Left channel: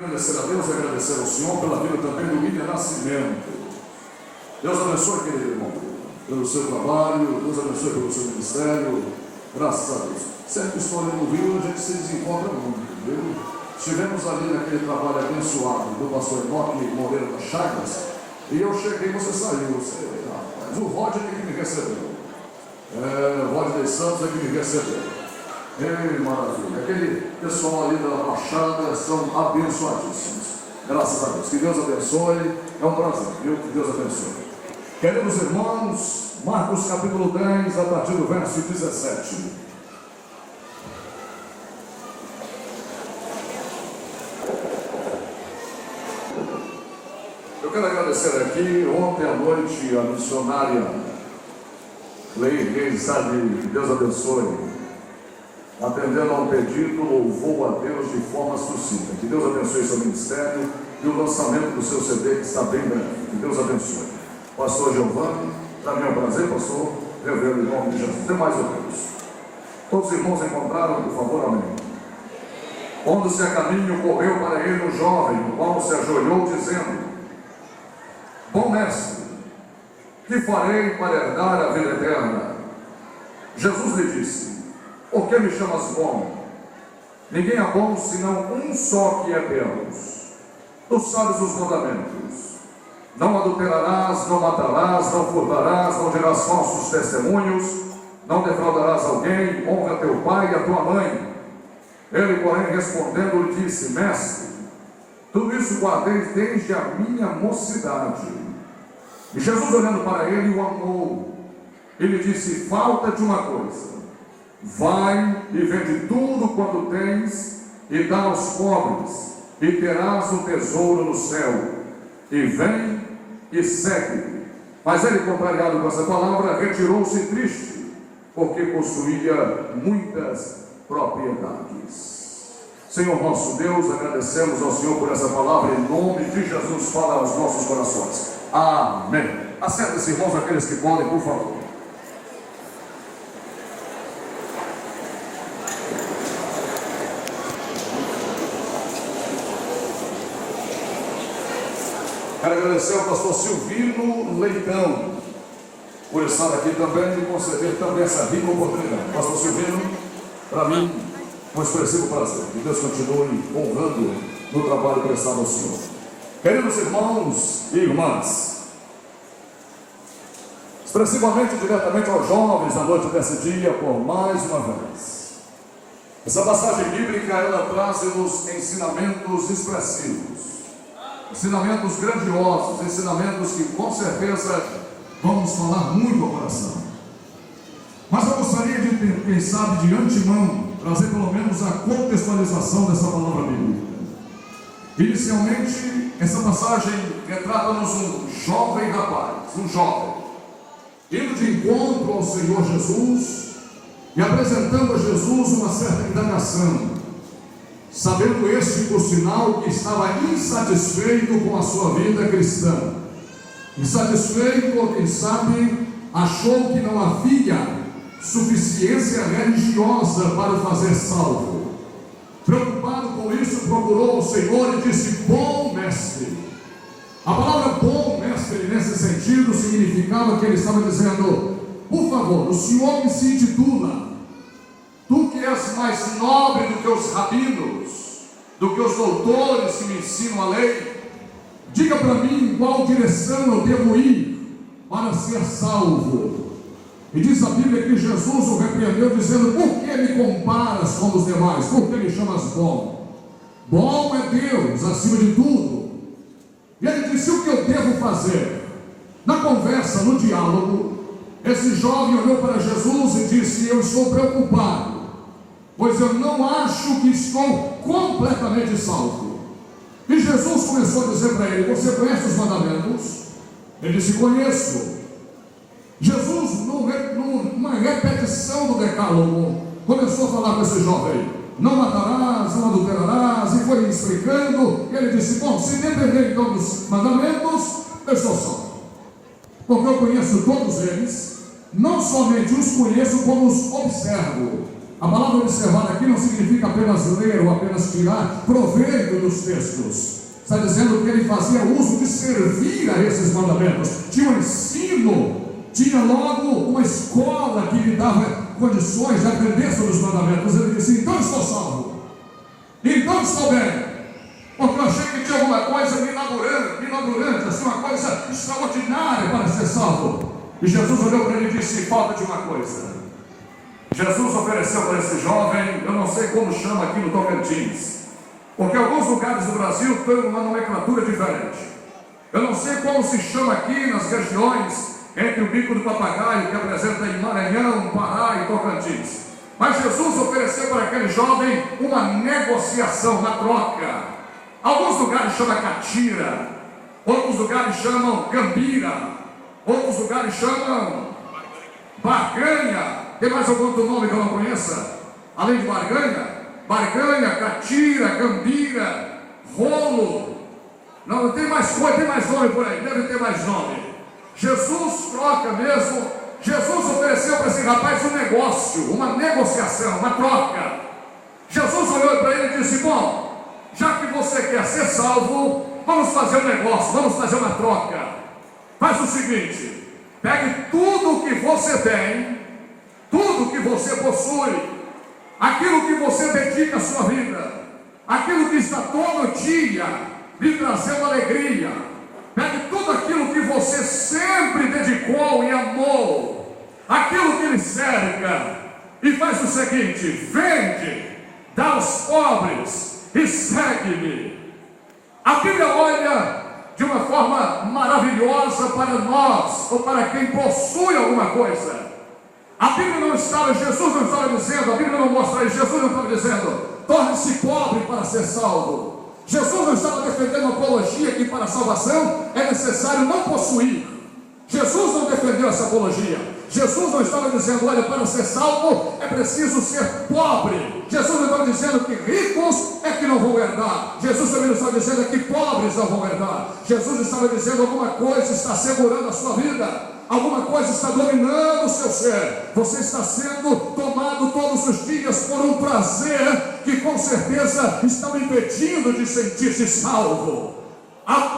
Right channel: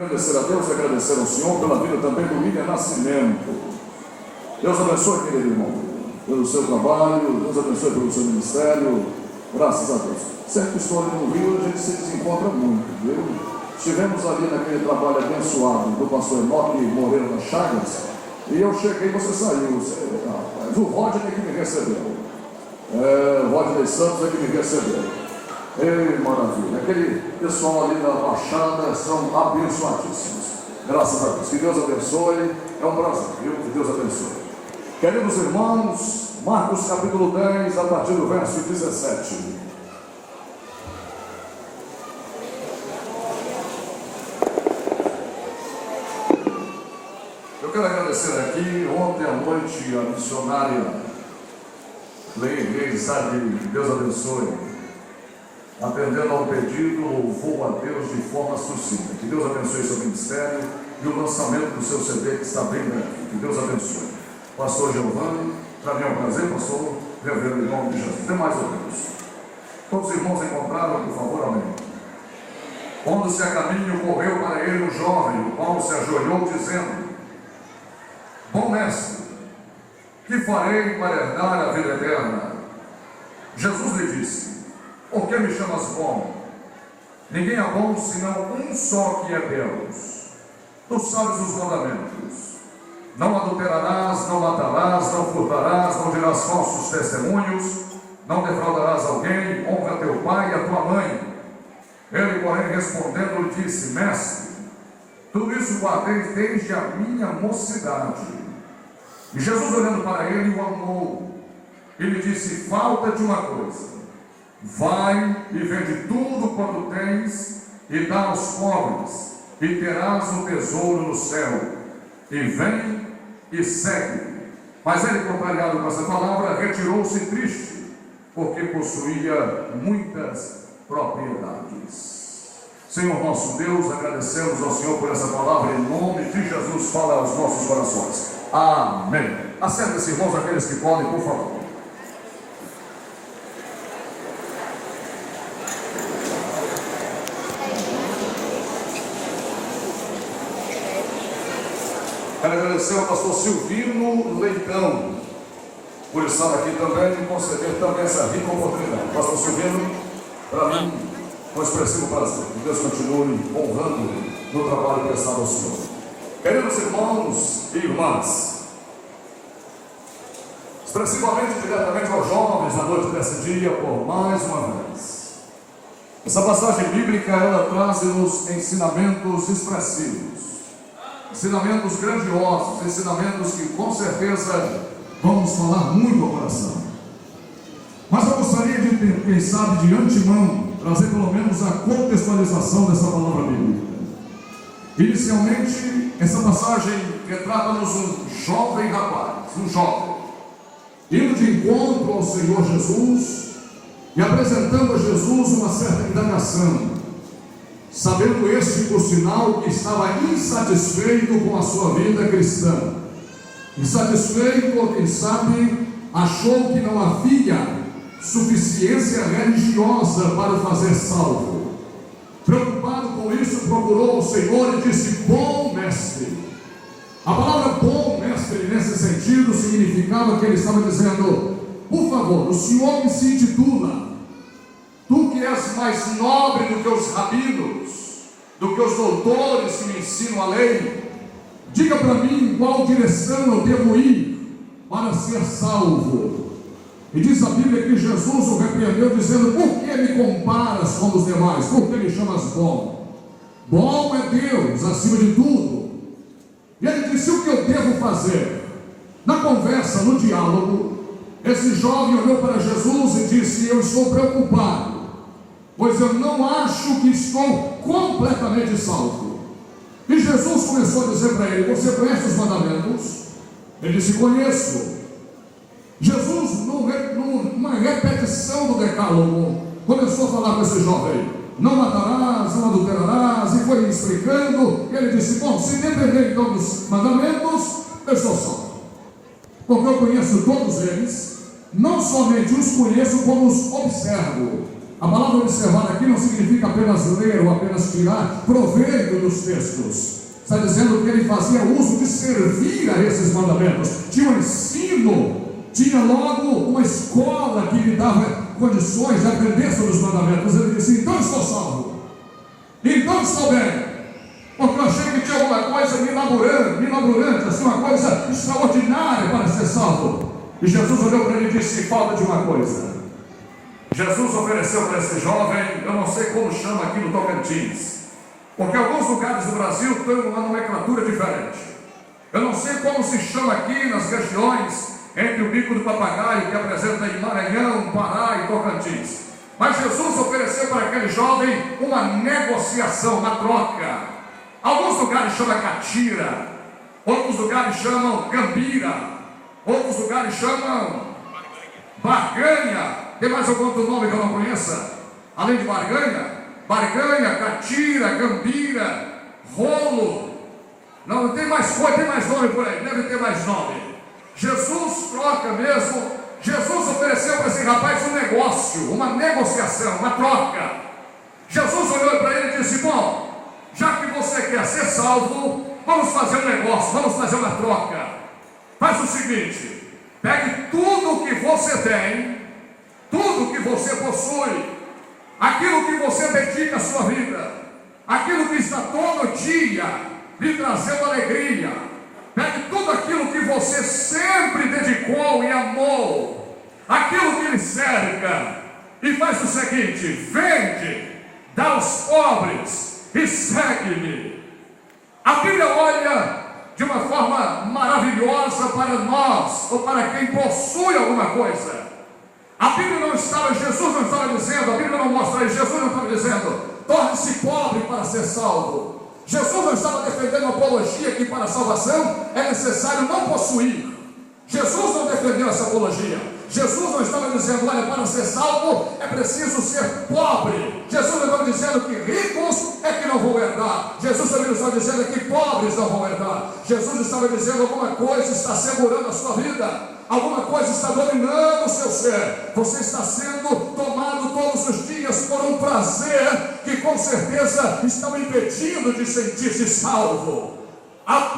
Agradecer a Deus e agradecer ao Senhor pela vida também do William Nascimento. Deus abençoe, querido irmão, pelo seu trabalho, Deus abençoe pelo seu ministério, graças a Deus. Sempre história no Rio, a gente se desencontra muito, viu? Estivemos ali naquele trabalho abençoado do pastor Enoque Moreira das Chagas, e eu cheguei, você saiu, mas o Rodney que me recebeu, o Rodney Santos é que me recebeu. Ei, maravilha, aquele pessoal ali da Baixada são abençoadíssimos, graças a Deus. Que Deus abençoe, é um prazer, viu? Que Deus abençoe. Queridos irmãos, Marcos capítulo 10, a partir do verso 17. Eu quero agradecer aqui, ontem à noite, a missionária Leide Sade, que Deus abençoe, atendendo ao pedido, louvou a Deus de forma sucinta. Que Deus abençoe seu ministério e o lançamento do seu CD, que está bem breve. Que Deus abençoe. Pastor Giovanni, para mim é um prazer, pastor, rever em nome de Jesus. Demais a Deus. Todos os irmãos encontraram, por favor, amém. Pondo-se a caminho, correu para ele um jovem, o qual se ajoelhou, dizendo: Bom mestre, que farei para herdar a vida eterna? Jesus lhe disse: Por que me chamas bom? Ninguém é bom senão um só, que é Deus. Tu sabes os mandamentos: não adulterarás, não matarás, não furtarás, não dirás falsos testemunhos, não defraudarás alguém, honra teu pai e a tua mãe. Ele, porém, respondendo, lhe disse: Mestre, tudo isso guardei desde a minha mocidade. E Jesus, olhando para ele, o amou. Ele disse: Falta-te uma coisa. Vai e vende tudo quanto tens e dá aos pobres, e terás um tesouro no céu. E vem e segue. Mas ele, contrariado com essa palavra, retirou-se triste, porque possuía muitas propriedades. Senhor nosso Deus, agradecemos ao Senhor por essa palavra, em nome de Jesus, fala aos nossos corações. Amém. Acertem-se, irmãos, aqueles que podem, por favor. Quero agradecer ao pastor Silvino Leitão por estar aqui também e me conceder também essa rica oportunidade. Pastor Silvino, para mim, um expressivo prazer. Que Deus continue honrando no trabalho prestado ao Senhor. Queridos irmãos e irmãs, expressivamente, diretamente aos jovens na noite desse dia, por mais uma vez, essa passagem bíblica, ela traz-nos ensinamentos expressivos, ensinamentos grandiosos, ensinamentos que com certeza vamos falar muito ao coração. Mas eu gostaria de, quem sabe, de antemão, trazer pelo menos a contextualização dessa palavra bíblica. Inicialmente, essa passagem retrata-nos um jovem rapaz, um jovem, indo de encontro ao Senhor Jesus e apresentando a Jesus uma certa indagação, sabendo esse, por sinal, que estava insatisfeito com a sua vida cristã, insatisfeito, ou quem sabe, achou que não havia suficiência religiosa para o fazer salvo. Preocupado com isso, procurou o Senhor e disse: Bom mestre. A palavra bom mestre, nesse sentido, significava que ele estava dizendo: por favor, o Senhor que se intitula, tu que és mais nobre do que os rabinos, do que os doutores que me ensinam a lei, diga para mim em qual direção eu devo ir para ser salvo. E diz a Bíblia que Jesus o repreendeu, dizendo: por que me comparas com os demais? Por que me chamas bom? Bom é Deus acima de tudo. E ele disse: o que eu devo fazer? Na conversa, no diálogo, esse jovem olhou para Jesus e disse: eu estou preocupado, pois eu não acho que estou completamente salvo. E Jesus começou a dizer para ele: você conhece os mandamentos? Ele disse: conheço. Jesus, numa repetição do decálogo, começou a falar com esse jovem: não matarás, não adulterarás, e foi explicando. E ele disse: bom, se depender então dos mandamentos, eu estou salvo, porque eu conheço todos eles, não somente os conheço, como os observo. A palavra observar aqui não significa apenas ler ou apenas tirar proveito dos textos. Está dizendo que ele fazia uso de servir a esses mandamentos. Tinha um ensino, tinha logo uma escola que lhe dava condições de aprender sobre os mandamentos. Ele disse: então estou salvo, então estou bem, porque eu achei que tinha alguma coisa mirabolante, assim, uma coisa extraordinária para ser salvo. E Jesus olhou para ele e disse: falta de uma coisa. Jesus ofereceu para esse jovem, eu não sei como chama aqui no Tocantins, porque alguns lugares do Brasil têm uma nomenclatura diferente. Eu não sei como se chama aqui nas regiões entre o Bico do Papagaio, que apresenta em Maranhão, Pará e Tocantins. Mas Jesus ofereceu para aquele jovem uma negociação, uma troca. Alguns lugares chamam catira, outros lugares chamam gambira, outros lugares chamam barganha. Tem mais algum outro nome que eu não conheça? Além de barganha? Barganha, catira, gambira, rolo. Não, tem mais coisa, tem mais nome por aí, deve ter mais nome. Jesus troca mesmo. Jesus ofereceu para esse rapaz um negócio, uma negociação, uma troca. Jesus olhou para ele e disse: bom, já que você quer ser salvo, vamos fazer um negócio, vamos fazer uma troca. Faz o seguinte: pegue tudo o que você tem, tudo que você possui, aquilo que você dedica à sua vida, aquilo que está todo dia lhe trazendo alegria, pegue tudo aquilo que você sempre dedicou e amou, aquilo que lhe cerca, e faz o seguinte: vende, dá aos pobres e segue-me. A Bíblia olha de uma forma maravilhosa para nós, ou para quem possui alguma coisa. A Bíblia não estava, Jesus não estava dizendo, a Bíblia não mostra isso, Jesus não estava dizendo, torne-se pobre para ser salvo. Jesus não estava defendendo a apologia que para a salvação é necessário não possuir. Jesus não defendeu essa apologia. Jesus não estava dizendo, olha, para ser salvo é preciso ser pobre. Jesus não estava dizendo que ricos é que não vão herdar. Jesus também não estava dizendo que pobres não vão herdar. Jesus estava dizendo alguma coisa está segurando a sua vida. Alguma coisa está dominando o seu ser. Você está sendo tomado todos os dias por um prazer que com certeza está o impedindo de sentir-se salvo.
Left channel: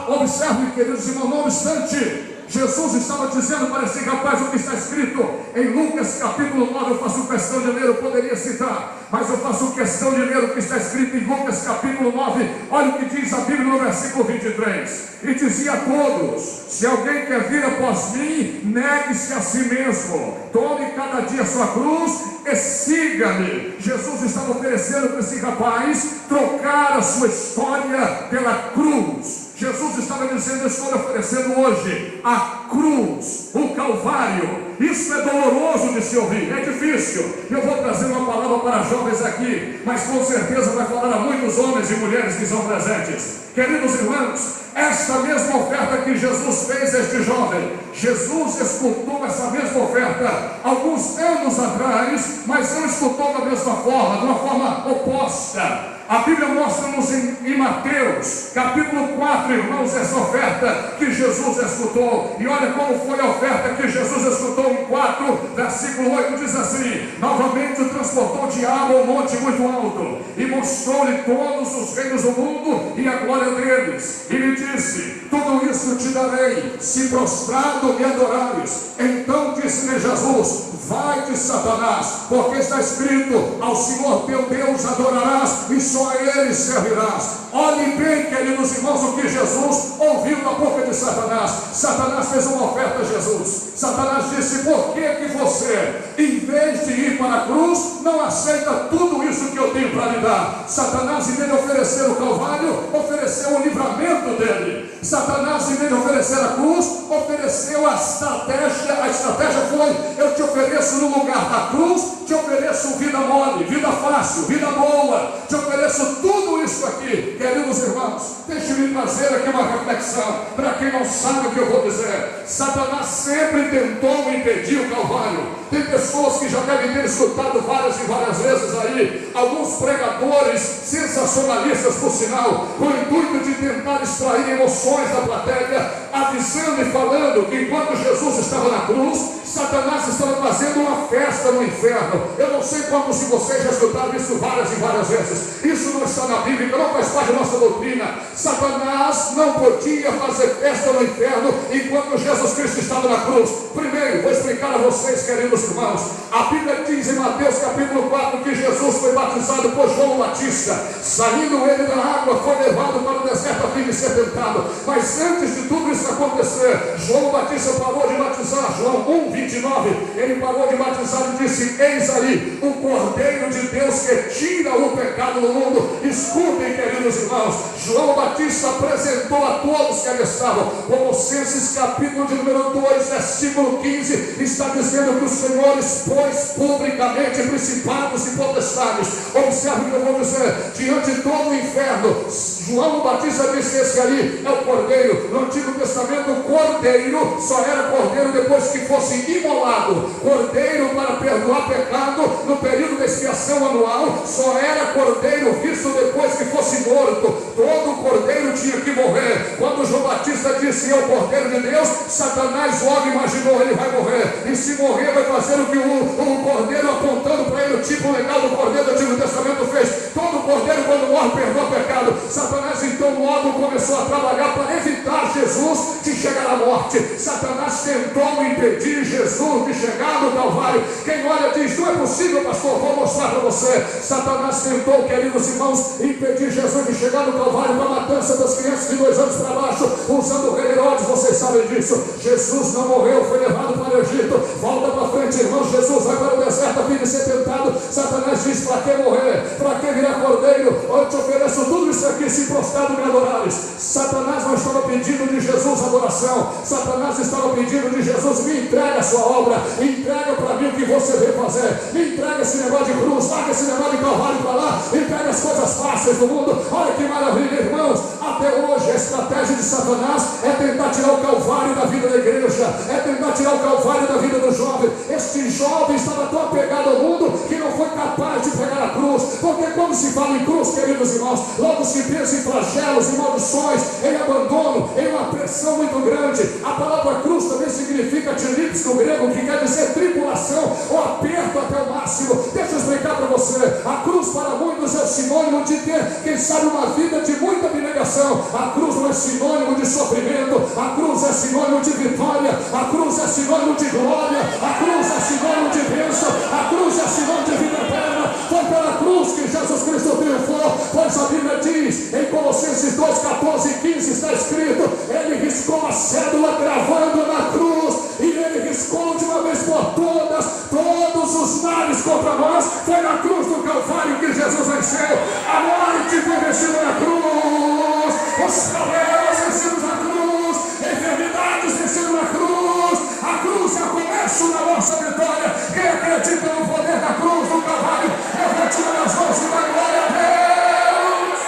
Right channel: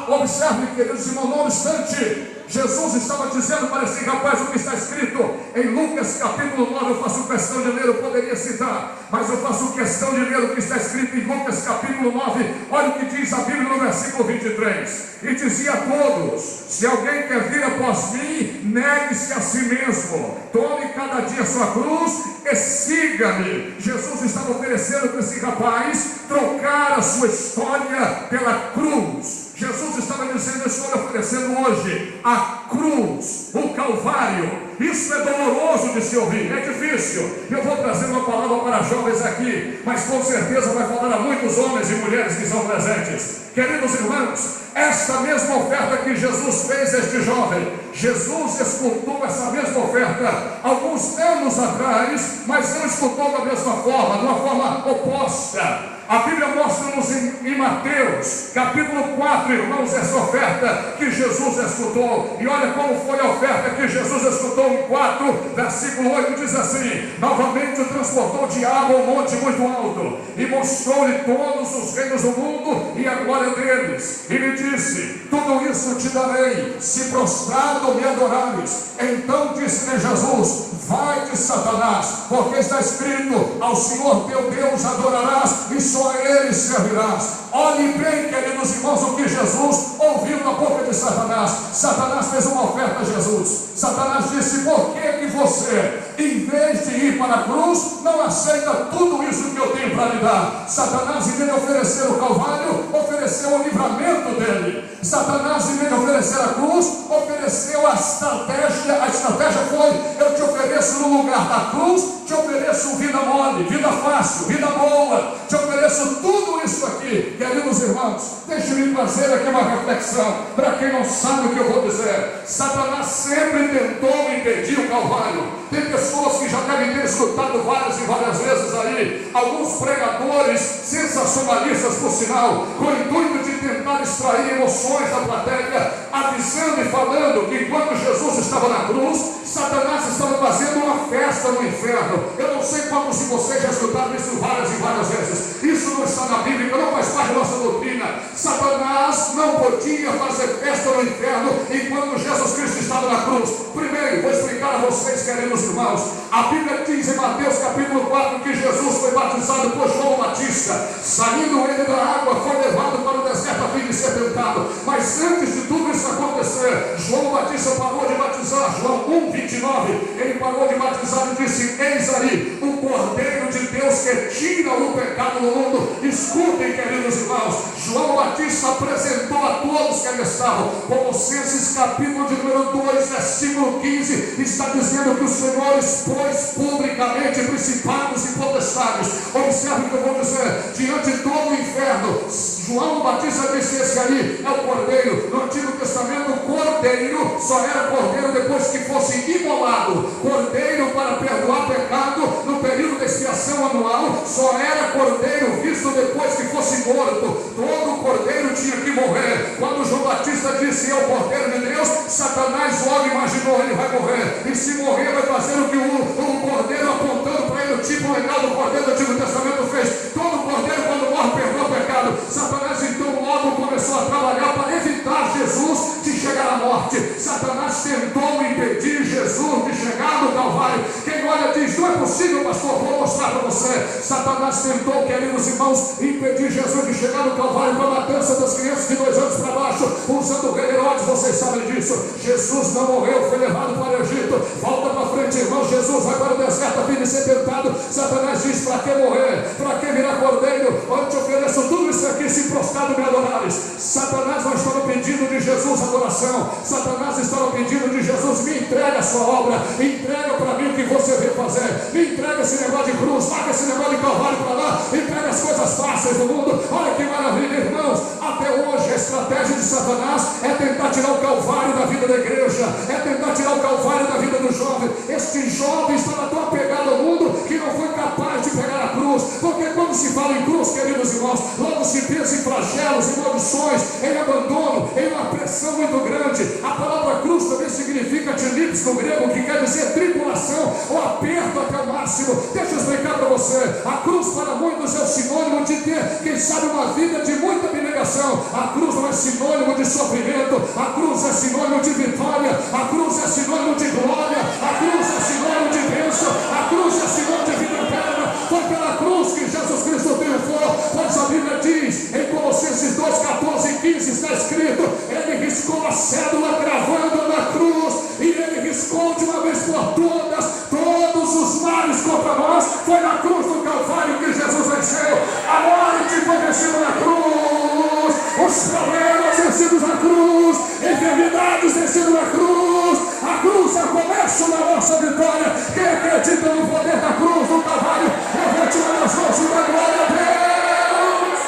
Observe, queridos irmãos, não obstante, Jesus estava dizendo para esse rapaz o que está escrito em Lucas capítulo 9. Eu faço questão de ler, eu poderia citar, mas eu faço questão de ler o que está escrito em Lucas capítulo 9. Olha o que diz a Bíblia no versículo 23. E dizia a todos: se alguém quer vir após mim, negue-se a si mesmo, tome cada dia a sua cruz e siga-me. Jesus estava oferecendo para esse rapaz trocar a sua história pela cruz. Jesus estava dizendo: eu estou oferecendo hoje a cruz, o Calvário. Isso é doloroso de se ouvir, é difícil. Eu vou trazer uma palavra para jovens aqui, mas com certeza vai falar a muitos homens e mulheres que são presentes. Queridos irmãos, esta mesma oferta que Jesus fez a este jovem, Jesus escutou essa mesma oferta alguns anos atrás, mas não escutou da mesma forma, de uma forma oposta. A Bíblia mostra-nos em Mateus, capítulo 4, irmãos, essa oferta que Jesus escutou. E olha como foi a oferta que Jesus escutou em 4, versículo 8, diz assim: novamente o transportou o diabo ao monte muito alto, e mostrou-lhe todos os reinos do mundo e a glória deles. E lhe disse: tudo isso te darei, se prostrado me adorares. Então disse-lhe Jesus: vai-te, Satanás, porque está escrito: ao Senhor teu Deus adorarás e só a Ele servirás. Olhe bem, queridos irmãos, o que Jesus ouviu da boca de Satanás. Satanás fez uma oferta a Jesus. Satanás disse: por que você, em vez de ir para a cruz, não aceita tudo isso que eu tenho para lhe dar? Satanás, em vez de oferecer o Calvário, ofereceu o livramento dele. Satanás, em vez de oferecer a cruz, ofereceu a estratégia. A estratégia foi: eu te ofereço no lugar da cruz, te ofereço vida mole, vida fácil, vida boa, te ofereço tudo isso aqui. Queridos irmãos, deixe-me trazer aqui uma reflexão para quem não sabe o que eu vou dizer. Satanás sempre tentou impedir o Calvário. Tem pessoas que já devem ter escutado várias e várias vezes aí, alguns pregadores sensacionalistas, por sinal, com o intuito de tentar extrair emoções da plateia, avisando e falando que enquanto Jesus estava na cruz, Satanás estava fazendo uma festa no inferno. Eu não sei como, se vocês já escutaram isso várias e várias vezes. Isso não está na Bíblia, não faz parte da nossa doutrina. Satanás não podia fazer festa no inferno enquanto Jesus Cristo estava na cruz. Primeiro, vou explicar a vocês, queridos irmãos. A Bíblia diz em Mateus capítulo 4 que Jesus foi batizado por João Batista. Saindo ele da água, foi levado para o deserto a fim de ser tentado. Mas antes de tudo isso acontecer, João Batista parou de batizar. João 1:29, ele parou de batizar e disse: eis aí o Cordeiro de Deus que tira o pecado do mundo. Escutem, queridos irmãos, João Batista apresentou a todos que ali estavam. Colossenses capítulo de número 2, versículo 15, está dizendo que o Senhor expôs publicamente principados e potestades. Observe o que eu vou dizer: diante de todo o inferno, João Batista disse: esse ali é o Cordeiro. No Antigo Testamento, o Cordeiro só era Cordeiro depois que fosse imolado. Cordeiro para perdoar pecado no período da expiação anual só era Cordeiro visto depois que fosse morto. Todo Cordeiro tinha que morrer. Quando João Batista disse: é o Cordeiro de Deus, Satanás logo imaginou: ele vai morrer. E se morrer, vai fazer o que o Cordeiro, apontando para ele o tipo legal do Cordeiro do Antigo Testamento, fez. Todo Cordeiro, quando morre, perdoa pecado. Satanás então logo começou a trabalhar para evitar Jesus de chegar à morte. Satanás tentou impedir Jesus de chegar no Calvário. Quem olha diz: não é possível, pastor, vou mostrar para você. Satanás tentou, queridos irmãos, impedir Jesus de chegar no Calvário para a matança das crianças de 2 anos para baixo, usando o rei Herodes. Vocês sabem disso. Jesus não morreu, foi levado para o Egito. Volta para frente, irmão. Jesus vai para o deserto a fim de ser tentado. Satanás diz: para que morrer? Para que virar Cordeiro? Eu te ofereço tudo isso aqui se prostrado me adorares. Satanás não estava pedindo de Jesus adoração. Satanás estava pedindo de Jesus: me entrega a sua obra, entrega para mim o que você veio fazer, me entrega esse negócio de cruz, marca esse negócio de Calvário para lá, entrega as coisas fáceis do mundo. Olha que maravilha, irmãos. Até hoje a estratégia de Satanás é tentar tirar o Calvário da vida da igreja, é tentar tirar o Calvário da vida do jovem. Este jovem estava tão apegado ao mundo que não foi capaz de pegar a cruz, porque quando se fala em cruz, queridos irmãos, logo se pensa em flagelos, em maldições, em abandono, em uma pressão muito grande. A palavra cruz também significa tilipes no grego, que quer dizer tribulação ou aperto até o máximo. Deixa eu explicar para você: a cruz para muitos é sinônimo de ter, quem sabe, uma vida de muita abnegação. A cruz não é sinônimo de sofrimento, a cruz é sinônimo de vitória, a cruz é sinônimo de glória, a cruz é sinônimo de bênção, a cruz é sinônimo de vida eterna. Foi pela cruz que Jesus Cristo triunfou, pois a Bíblia diz em Colossenses 2, 14 e 15, está escrito: ele riscou a cédula gravando na cruz, e ele riscou de uma vez por todas todos os males contra nós. Foi na cruz do Calvário que Jesus venceu. A morte foi vencida na cruz, os problemas vencidos na cruz, enfermidades vencidas na cruz. A cruz é o começo da nossa vitória. Quem acredita no poder da cruz do Calvário, levante as mãos e dá glória a Deus.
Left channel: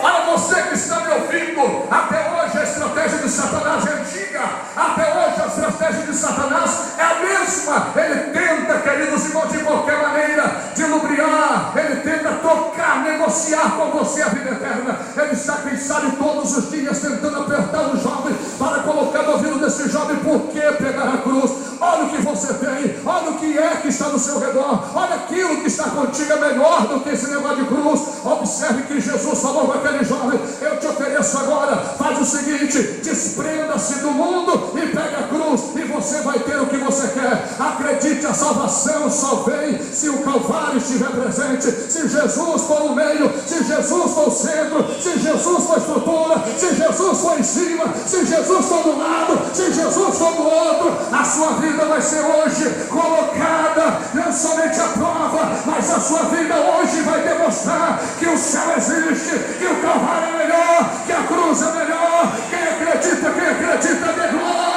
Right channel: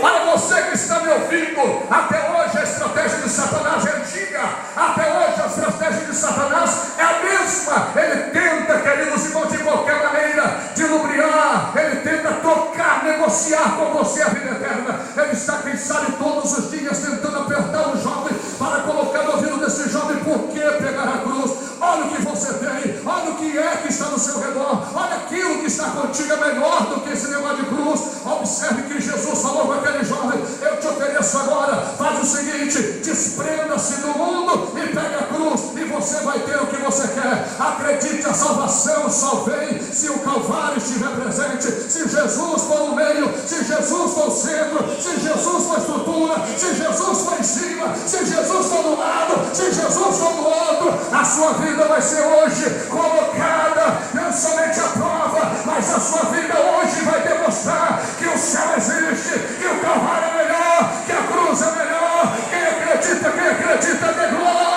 Para você que está me ouvindo, até hoje a estratégia de Satanás é antiga. Até hoje a estratégia de Satanás é a mesma. Ele tenta, queridos irmãos, de qualquer maneira, de lubriar. Ele tenta tocar, negociar com você a vida eterna. Ele está, quem sabe, todos os dias tentando apertar o jovem para colocar no ouvido desse jovem: por que pegar a cruz? Olha o que você tem, olha o que é que está no seu redor, olha aquilo que está contigo, é melhor do que esse negócio de cruz. Observe que Jesus falou para aquele jovem: eu te ofereço agora, faz o seguinte, desprenda-se do mundo e pega a cruz, e você vai ter o que você quer. Acredite, a salvação só vem se o Calvário estiver presente, se Jesus for no meio, se Jesus for o centro, se Jesus for a estrutura, se Jesus for em cima, se Jesus for do lado, se Jesus for do outro. A sua vida vai ser hoje colocada não somente à prova, mas a sua vida hoje vai demonstrar que o céu existe, que o Calvário é melhor, que a cruz é melhor. Quem acredita, dê glória.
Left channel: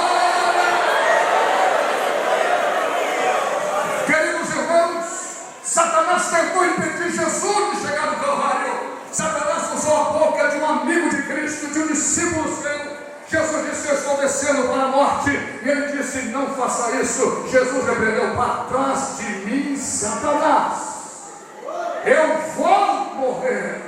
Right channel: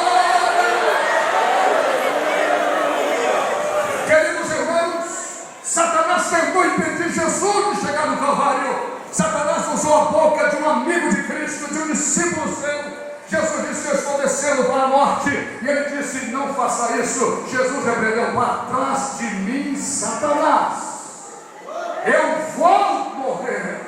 Queridos irmãos, Satanás tentou impedir Jesus de chegar no Calvário. Satanás usou a boca de um amigo de Cristo, de um discípulo seu. Jesus disse: eu estou descendo para a morte. E ele disse: não faça isso. Jesus repreendeu: para trás de mim, Satanás. Eu vou morrer.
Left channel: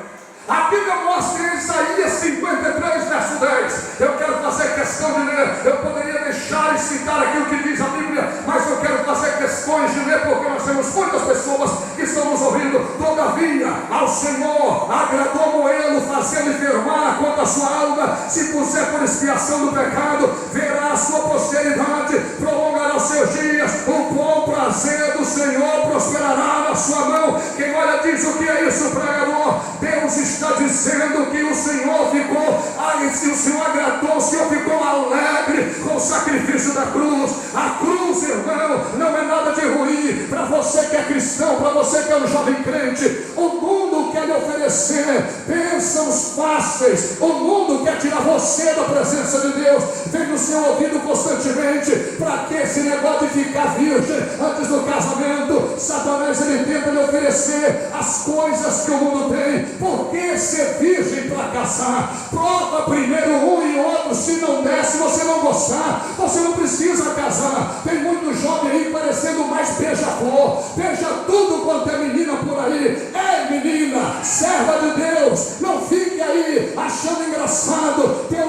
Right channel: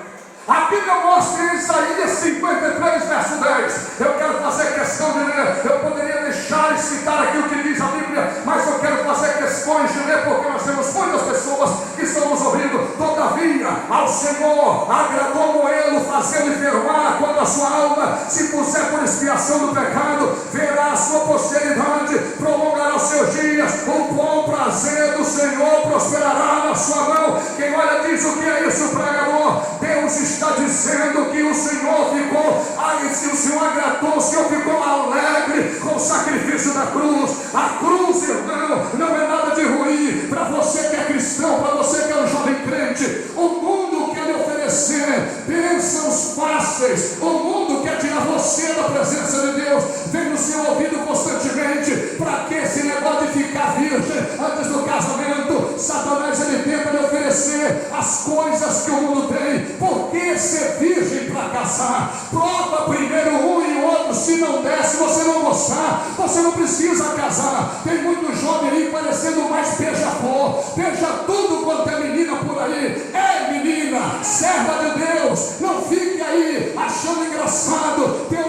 Senhor agradou moê-lo, fazê-lo enfermar quanto a sua alma, se puser por expiação do pecado, verá a sua posteridade, prolongará os seus dias, o bom prazer do Senhor prosperará na sua mão. Quem olha diz: o que é isso, pregador? Deus está dizendo que o Senhor ficou, se o Senhor agradou, o Senhor ficou alegre com o sacrifício da cruz. A cruz, irmão, não é nada de ruim para você que é cristão, para você que é um jovem crente. O mundo quer lhe oferecer bênçãos fáceis, o mundo quer tirar você da presença de Deus, vem no seu ouvido constantemente. Para que esse negócio de ficar virgem antes do casamento? Satanás, ele tenta lhe oferecer as coisas que o mundo tem. Por que ser virgem para casar? Prova primeiro um e o outro. Se não der, se você não gostar, você não precisa casar. Tem muito jovem aí parecendo mais beija-flor, beija tudo quanto é menina por aí. É menina, serva de Deus, não fique aí achando engraçado. Teu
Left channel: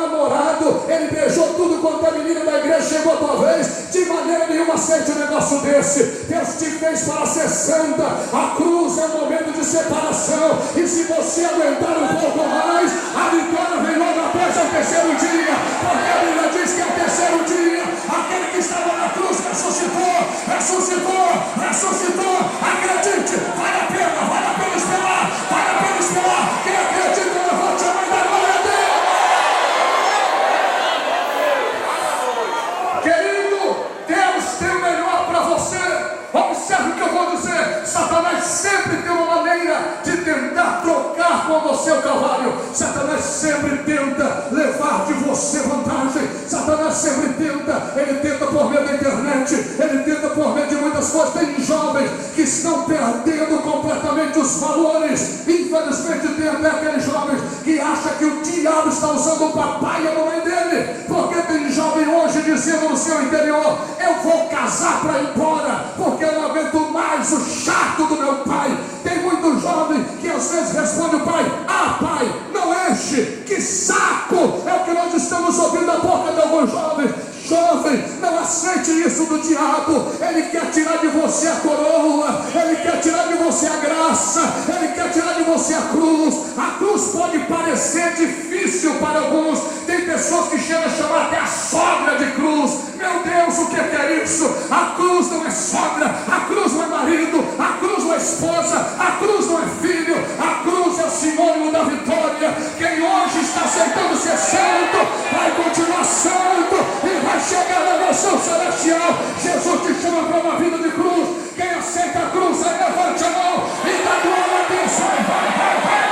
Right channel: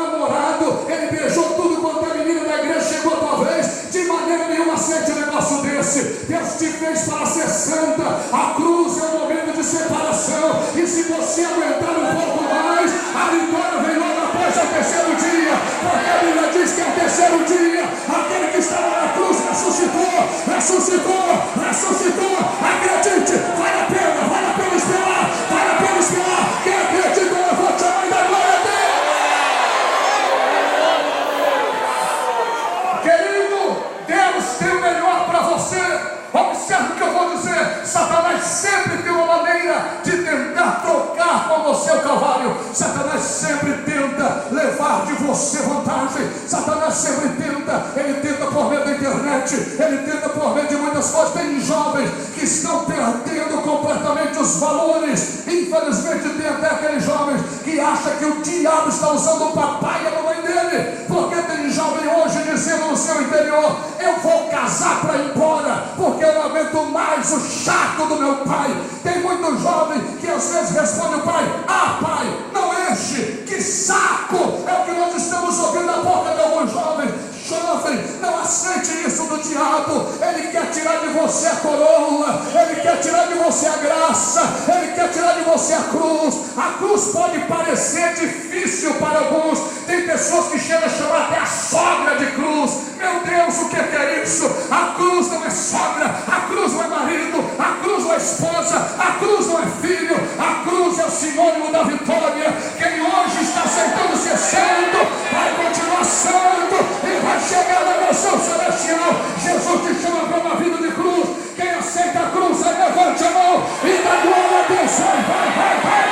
namorado, ele beijou tudo quanto é menina da igreja, chegou a tua vez. De maneira nenhuma aceite um negócio desse. Deus te fez para ser santa. A cruz é um momento de separação, e se você aguentar um pouco mais, a vitória vem logo após o terceiro dia, porque a Bíblia diz que é o terceiro dia aquele que estava na cruz ressuscitou. Acredite, vale a pena esperar. Quem acredita, levante a mão e dá glória a Deus. Querido, Deus tem o melhor para você. Observe o que eu vou dizer. Satanás sempre tem uma maneira de tentar trocar com você o Calvário. Satanás sempre tenta levar de você vantagem. Satanás sempre tenta. Ele tenta por meio da internet, ele tenta por meio de muitas coisas. Tem jovens que estão perdendo completamente os valores. Infelizmente tem até aqueles jovens que acham que o diabo está usando o papai e a mamãe dele. Porque tem jovem hoje dizendo no seu interior: eu vou casar para ir embora, porque eu não aguento mais o chato do meu pai. Tem muito jovem que às vezes responde o pai: ah, pai, não enche, que saco. É o que nós estamos ouvindo da boca de alguns jovens. Jovem, não aceite isso do diabo. Ele quer tirar de você a coroa, ele quer tirar de você a graça, ele quer tirar de você a cruz. A cruz pode parecer difícil para alguns. Tem pessoas que chegam a chamar até a sogra de cruz. Meu Deus, o que é isso? A cruz não é sogra, a cruz não é marido, a cruz não é esposa, a cruz não é filho. A cruz é o sinônimo da vitória. Quem hoje está aceitando ser santo, vai continuar santo e vai chegar na nação celestial. Jesus te chama para uma vida de cruz. Quem aceita a cruz, aí levante a mão e dá glória a Deus. Vai.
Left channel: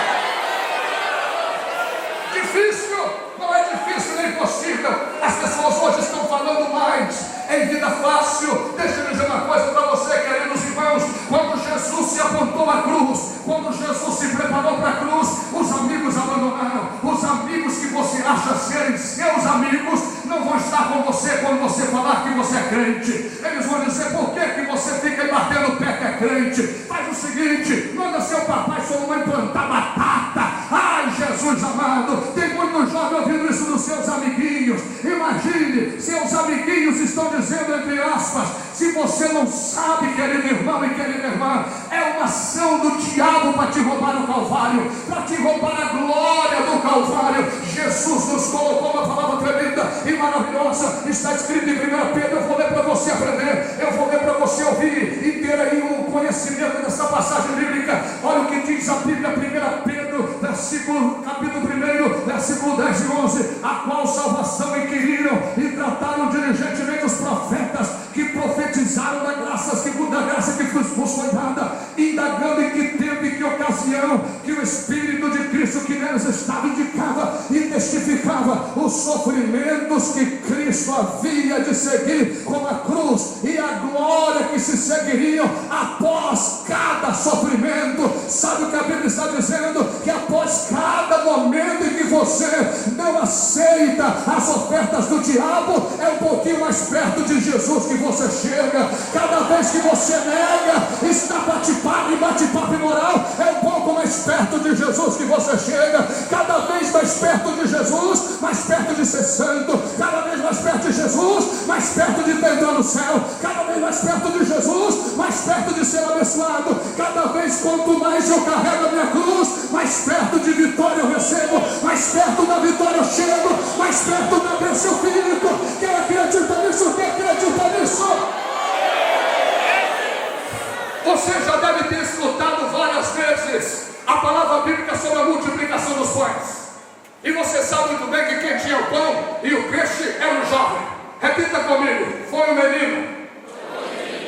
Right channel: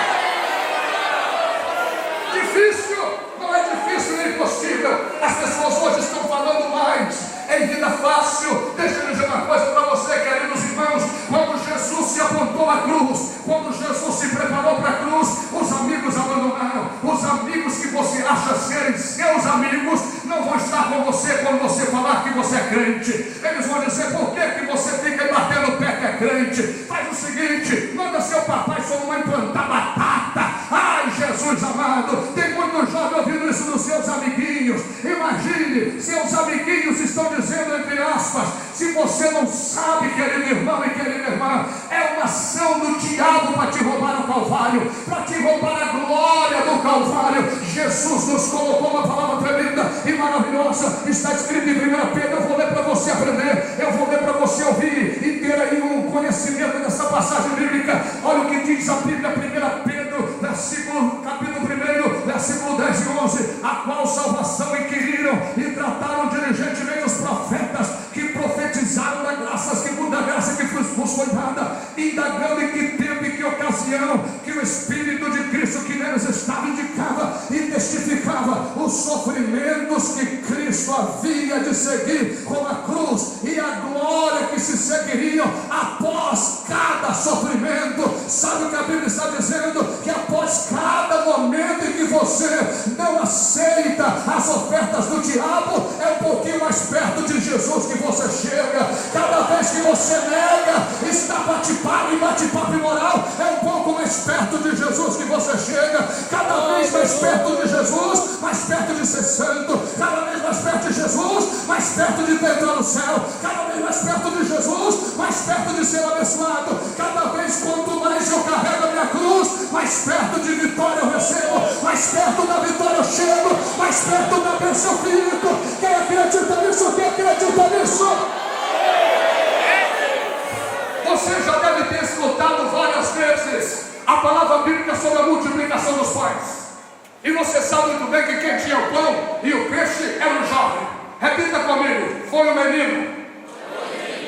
Difícil, não é difícil nem impossível. As pessoas hoje estão falando mais em vida fácil. Deixa eu dizer uma coisa para você, queridos irmãos. Quando Jesus se apontou à cruz, quando Jesus se preparou para a cruz, os amigos abandonaram. Os amigos que você acha serem seus amigos não vão estar com você quando você falar que você é crente. Eles vão dizer: por que você fica aí batendo o pé que é crente? Faz o seguinte, manda seu papai e sua mamãe plantar batata. Ai, Jesus amado, tem muito jovem ouvindo isso dos seus amiguinhos. Imagine, seus amiguinhos estão dizendo, entre aspas: se você não sabe, querido irmão e querida irmã, é uma ação do diabo para te roubar o Calvário, para te roubar a glória do Calvário. Jesus nos colocou uma palavra tremenda e maravilhosa. Está escrito em 1 Pedro. Eu vou ler para você aprender, eu vou ler para você ouvir e ter aí um conhecimento dessa passagem bíblica. Olha o que diz a Bíblia, 1 Pedro, capítulo 1, versículo 10 e 11: a qual salvação inquiriram e trataram diligentemente os profetas que profetizaram da graça que vos foi dada, indagando em que tempo e que ocasião que o Espírito de Cristo que neles estava indicava e testificava os sofrimentos que Cristo havia de seguir com a cruz e a glória que se seguiriam após cada sofrimento. Sabe o que a Bíblia está dizendo? Que após cada momento em que você não aceita as ofertas do diabo, é um pouquinho mais perto de Jesus que você chega. Cada vez que você nega, está bate-papo imoral, é um pouco mais perto de Jesus que você chega. Cada vez mais perto de Jesus, mais perto de ser santo. Cada vez mais perto de Jesus, mais perto de entrar no céu. Cada vez mais perto de Jesus, mais perto de ser abençoado. Cada vez quanto mais eu carrego a minha cruz, palavra bíblica sobre a multiplicação dos pães. E você sabe muito bem que quem tinha o pão e o peixe era um jovem. Repita comigo, foi um menino.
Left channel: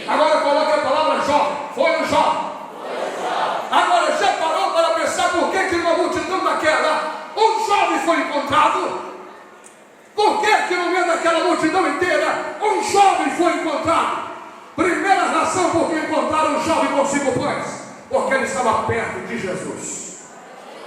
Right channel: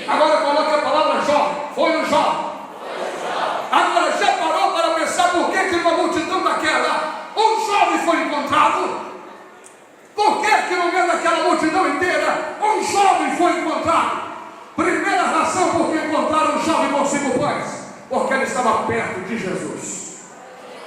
Agora coloque a palavra jovem, foi um jovem. Agora já parou para pensar por que tinha uma multidão daquela? Um jovem foi encontrado. Por que no meio daquela multidão inteira, um jovem foi encontrado? Primeira razão por que encontraram um jovem com 5 pães. Porque ele estava perto de Jesus.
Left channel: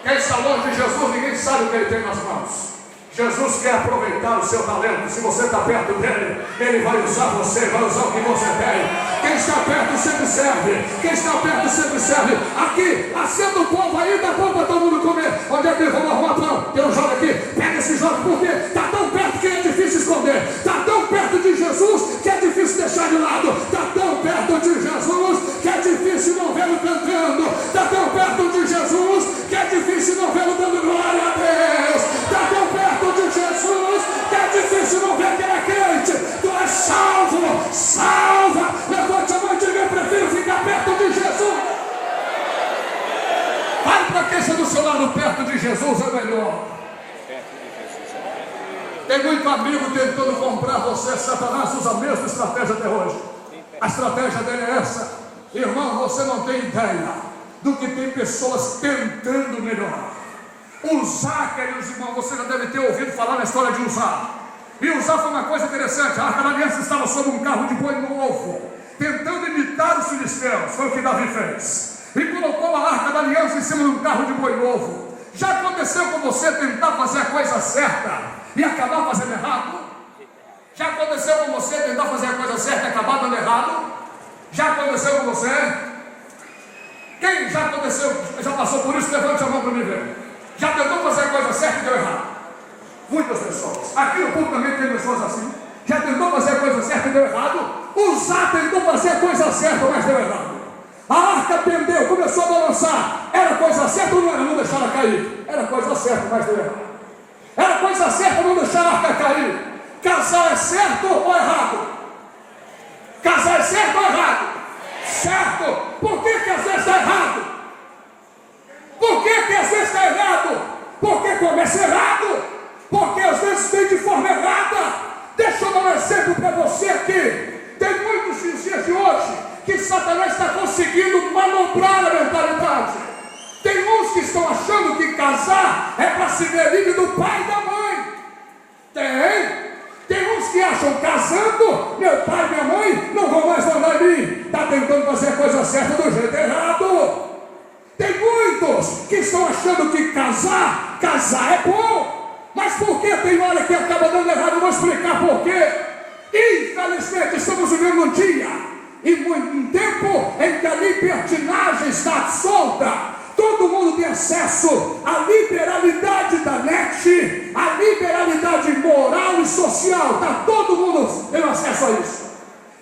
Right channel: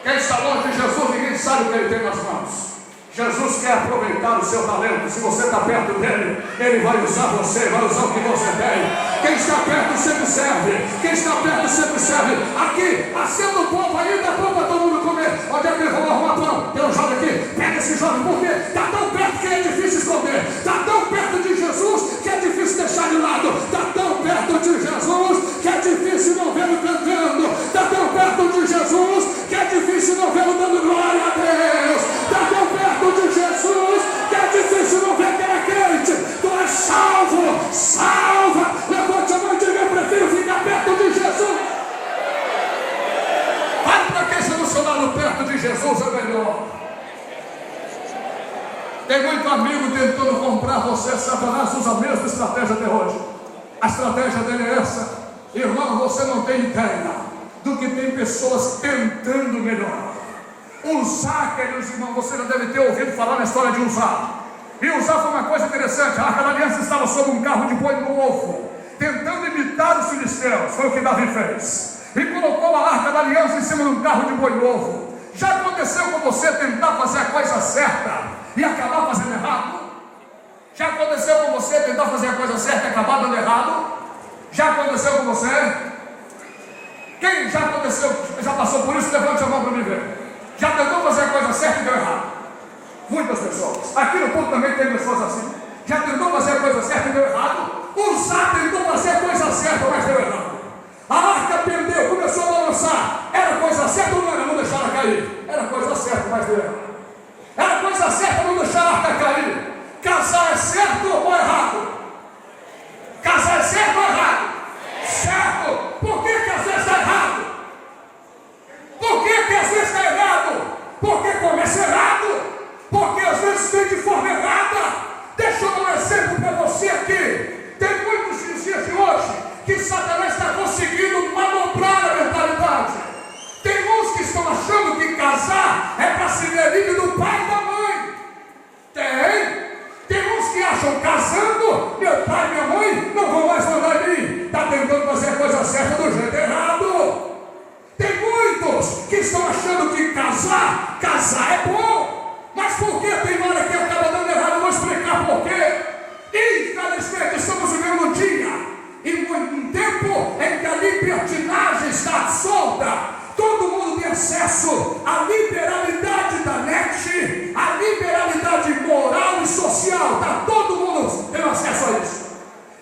Quem está longe de Jesus, ninguém sabe o que ele tem nas mãos. Jesus quer aproveitar o seu talento. Se você está perto dele, ele vai usar você, vai usar o que você tem. Quem está perto sempre serve. Quem está perto sempre serve. Aqui, acenda o povo aí, dá pão para todo mundo comer. Onde é que ele vai arrumar pão? Tem um jovem aqui, pega esse jovem, porque está tão perto que é difícil esconder. Está tão perto de Jesus que é difícil deixar de lado. Está tão perto de Jesus que é difícil não vê-lo cantando. Está tão perto de Jesus que é difícil não vê-lo dando glória a Deus. Está tão perto de Jesus que é difícil não ver que é crente. Tu és salvo, salva. Levante a mão e diga: eu prefiro ficar perto de Jesus. Vai para quem está do seu lado, perto de Jesus é melhor. Tem muito amigo tentando comprar você. Satanás usa a mesma estratégia até hoje. A estratégia dele é essa. Irmão, você não tem ideia do que tem pessoas tentando melhorar. Usar, queridos irmãos, você já deve ter ouvido falar na história de Uzá. E Uzá foi uma coisa interessante. A Arca da Aliança estava sobre um carro de boi novo, tentando imitar os filisteus. Foi o que Davi fez. E colocou a Arca da Aliança em cima de um carro de boi novo. Já aconteceu com você tentar fazer a coisa certa e acabar fazendo errado? Já aconteceu com você tentar fazer a coisa certa e acabar dando errado? Já aconteceu com você? Quem já aconteceu, já passou por isso? Levante a mão para me ver. Já tentou fazer a coisa certa e deu errado? Muitas pessoas. Aqui no ponto também tem pessoas assim. Já tentou fazer a coisa certa e deu errado? Uzá tentou fazer a coisa certa, mas deu errado. A arca pendeu, começou a balançar. Era coisa certa ou não era? Não deixar ela cair. Era coisa certa, mas deu errado. Era coisa certa não deixar a arca cair. Casar é certo ou errado? Casar é certo ou errado? Certo. Por que às vezes está errado? Por que às vezes está errado? Porque começa errado. Porque às vezes tem de forma errada. Deixa eu dar um exemplo para você aqui. Tem muitos nos dias de hoje que Satanás está conseguindo manobrar a mentalidade. Tem uns que estão achando que casar é para se ver livre do pai e da mãe. Tem uns que acham casando, meu pai e minha mãe não vão mais mandar em mim. Está tentando fazer a coisa certa do jeito errado. Tem muitos que estão achando que casar é bom. Mas por que tem hora que acaba dando errado? Eu vou explicar por quê. Infelizmente estamos vivendo um dia e um tempo em que a libertinagem está solta. Todo mundo tem acesso à liberalidade da net, à liberalidade moral e social. Está todo mundo tendo acesso a isso.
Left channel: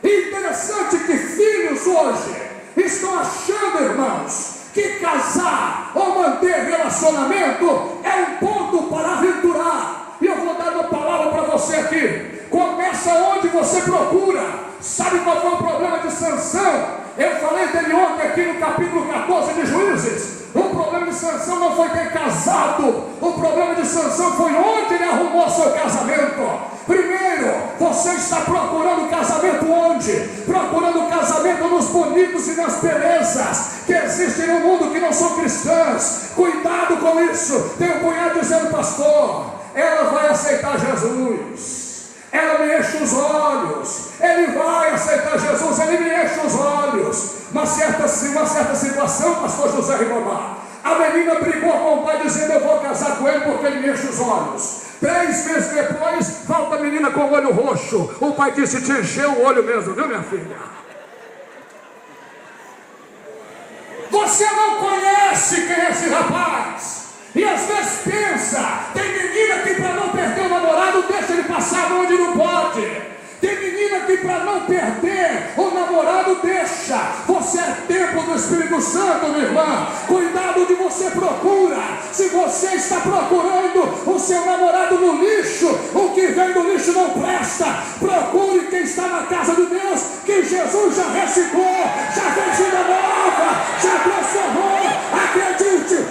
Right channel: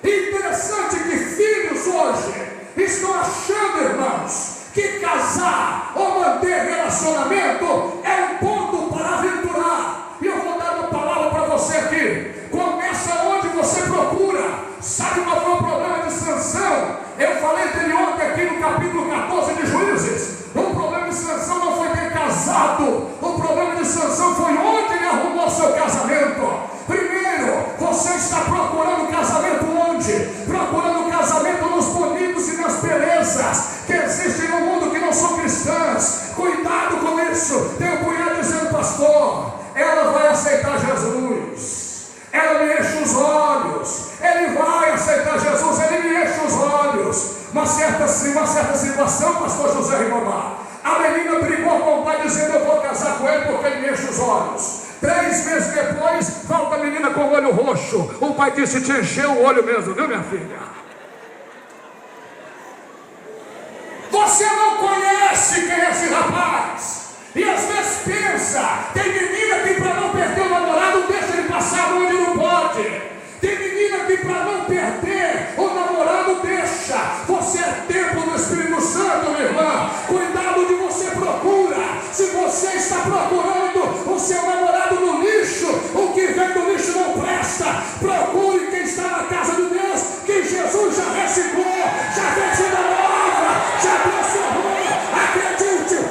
Interessante que filhos hoje estão achando, irmãos, que casar ou manter relacionamento é um ponto para aventurar. E eu vou dar uma palavra para você aqui. Começa onde você procura. Sabe qual foi o problema de Sansão? Eu falei dele ontem aqui no capítulo 14 de Juízes. O problema de Sansão não foi ter casado. O problema de Sansão foi onde ele arrumou seu casamento. Primeiro, você está procurando casamento onde? Procurando casamento nos bonitos e nas belezas que existem no mundo que não são cristãs. Cuidado com isso. Tem um cunhado dizendo: pastor, ela vai aceitar Jesus. Ela me enche os olhos. Ele vai aceitar Jesus. Ele me enche os olhos. Uma certa situação, pastor José Ribamar, a menina brigou com o pai dizendo: eu vou casar com ele porque ele me enche os olhos. 3 meses depois, volta a menina com o olho roxo. O pai disse: te encheu o olho mesmo, viu, minha filha? Você não conhece quem é esse rapaz. E às vezes pensa, tem menina que para não perder o namorado deixa ele passar onde não pode. Tem menina que para não perder o namorado deixa. Você é templo do Espírito Santo, minha irmã. Cuidado onde você procura. Se você está procurando o seu namorado no lixo, o que vem do lixo não presta. Procure quem está na casa de Deus, que Jesus já reciclou, já fez vida nova, já transformou. Acredite,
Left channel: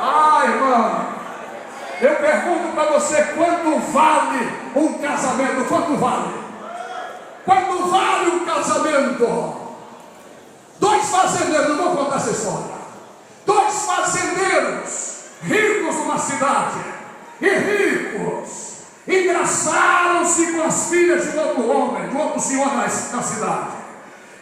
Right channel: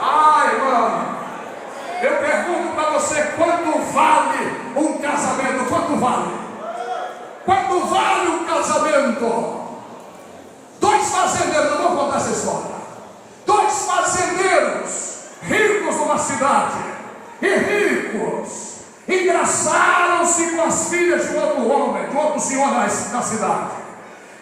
Ai, irmão, eu pergunto para você, quanto vale um casamento? Quanto vale? Quanto vale um casamento? Dois fazendeiros, não vou contar essa história. Dois fazendeiros, ricos numa cidade, e ricos, engraçaram-se com as filhas de outro homem, de outro senhor na cidade.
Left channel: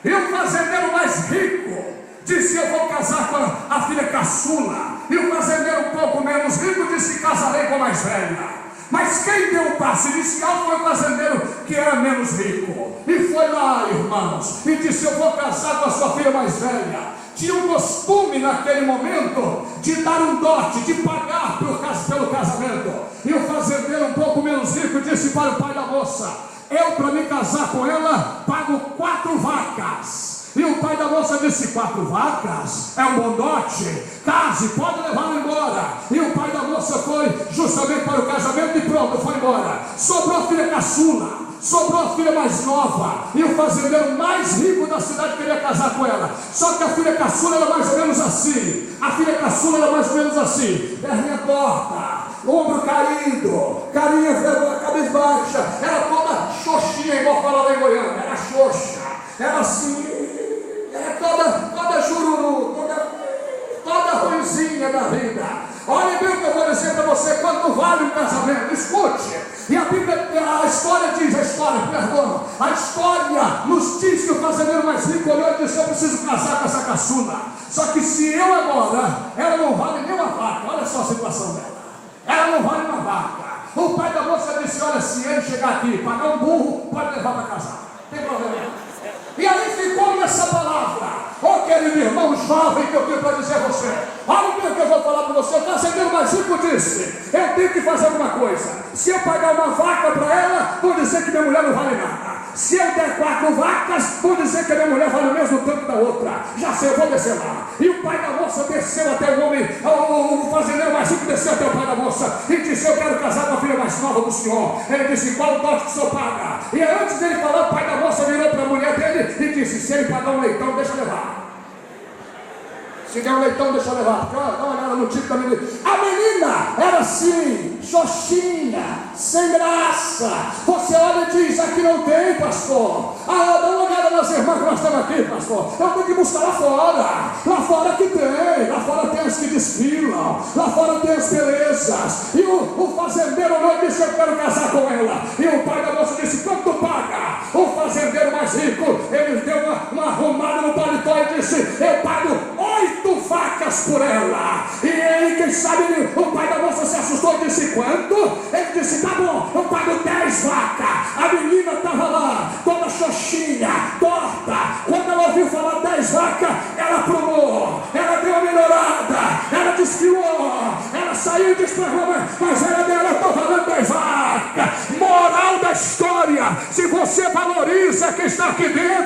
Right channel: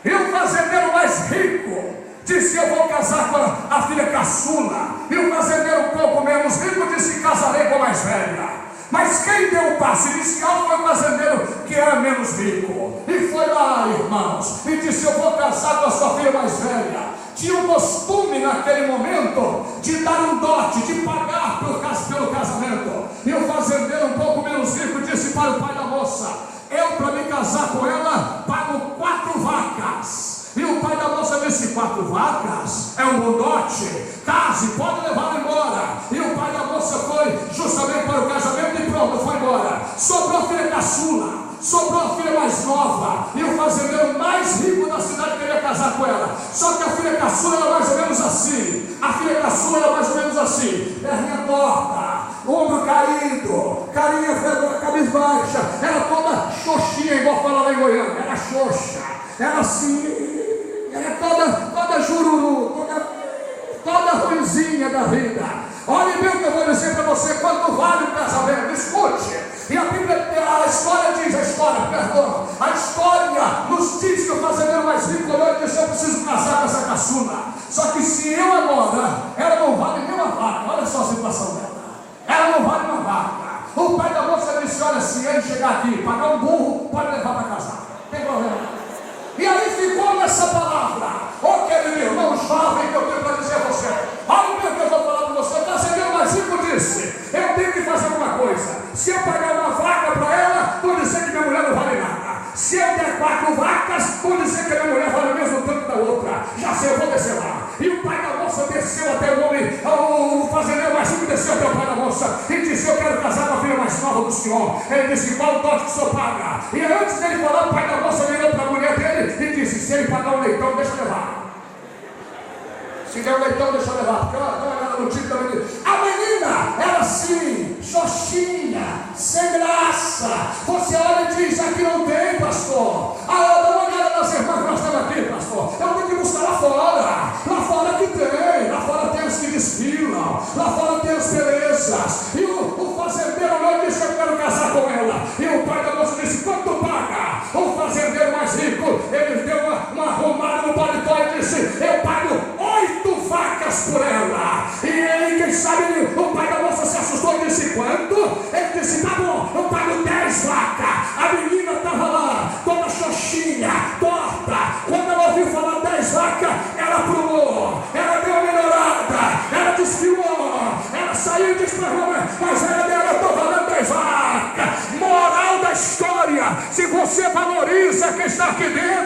E o fazendeiro mais rico disse: eu vou casar com a filha caçula. E o fazendeiro um pouco menos rico disse: casarei com a mais velha. Mas quem deu o passo inicial foi o fazendeiro que era menos rico. E foi lá, irmãos, e disse: eu vou casar com a sua filha mais velha. Tinha um costume naquele momento de dar um dote, de pagar pelo casamento. E o fazendeiro um pouco menos rico disse para o pai da moça: eu, para me casar com ela, pago 4 vacas. E o pai da moça disse: 4 vacas? É um bom dote? Case, pode levá-la embora. E o pai da moça foi justamente para o casamento e pronto, foi embora. Sobrou a filha caçula, sobrou a filha mais nova. E o fazendeiro mais rico da cidade queria casar com ela. Só que a filha caçula era mais ou menos assim. A filha caçula era mais ou menos assim: perninha torta, ombro caído, carinha cabisbaixa, era toda xoxinha, igual fala lá em Goiânia. Era xoxa, era assim, era toda jururu, toda ruizinha da vida. Olha bem o que eu vou dizer para você: quanto vale um casamento? Escute. E a Bíblia, a história nos diz que o fazendeiro mais rico olhou e disse: eu preciso casar com essa caçula. Só que se eu agora, ela não vale nem uma vaca. Olha só a situação dela, ela não vale uma vaca. O pai da moça disse: olha, se ele chegar aqui, pagar um burro, pode levar para casar, não tem problema. E aí ficou nessa palavra. Ó, querido irmão jovem, que eu tenho para dizer a você: olha o que eu vou falar para você. O fazendeiro mais rico disse: eu tenho que fazer alguma coisa. Se eu pagar uma vaca para ela, vou dizer que minha mulher não vale nada. Se eu der 4 vacas, vou dizer que a minha mulher vale o mesmo tanto da outra. Já sei, eu vou descer lá. E o pai da moça desceu até o homem, o fazendeiro mais rico desceu até o pai da moça e disse: eu quero casar com a filha mais nova do senhor. Ele disse: qual o dote que o senhor paga? E antes dele falar, o pai da moça virou para a mulher dele e disse: se ele pagar um leitão, deixa levar. Se der um leitão, deixa levar. Porque olha, dá uma olhada no título também. A menina era assim, xoxinha, sem graça. Você olha e diz: aqui não tem, pastor. Ah, dá uma olhada nas irmãs que nós estamos aqui, pastor. Eu tenho que buscar lá fora. Lá fora que tem. Lá fora tem os que desfilam. Lá fora tem as belezas. E o fazendeiro olhou e disse: eu quero casar com ela. E o pai da moça disse: quanto paga? O fazendeiro mais rico, ele deu uma arrumada no paletó e disse: eu pago 8 vacas por ela. E aí, quem sabe, o pai da moça se assustou e disse: quanto? Ele disse: tá bom, eu pago 10 vacas. A menina estava lá, toda xoxinha, torta. Quando ela ouviu falar 10 vacas, ela pulou, ela deu uma melhorada, ela desfiou, ela saiu e disse para Roma: mas ela dela, eu estou falando 10 vacas. Moral da história: se você valoriza quem está aqui dentro,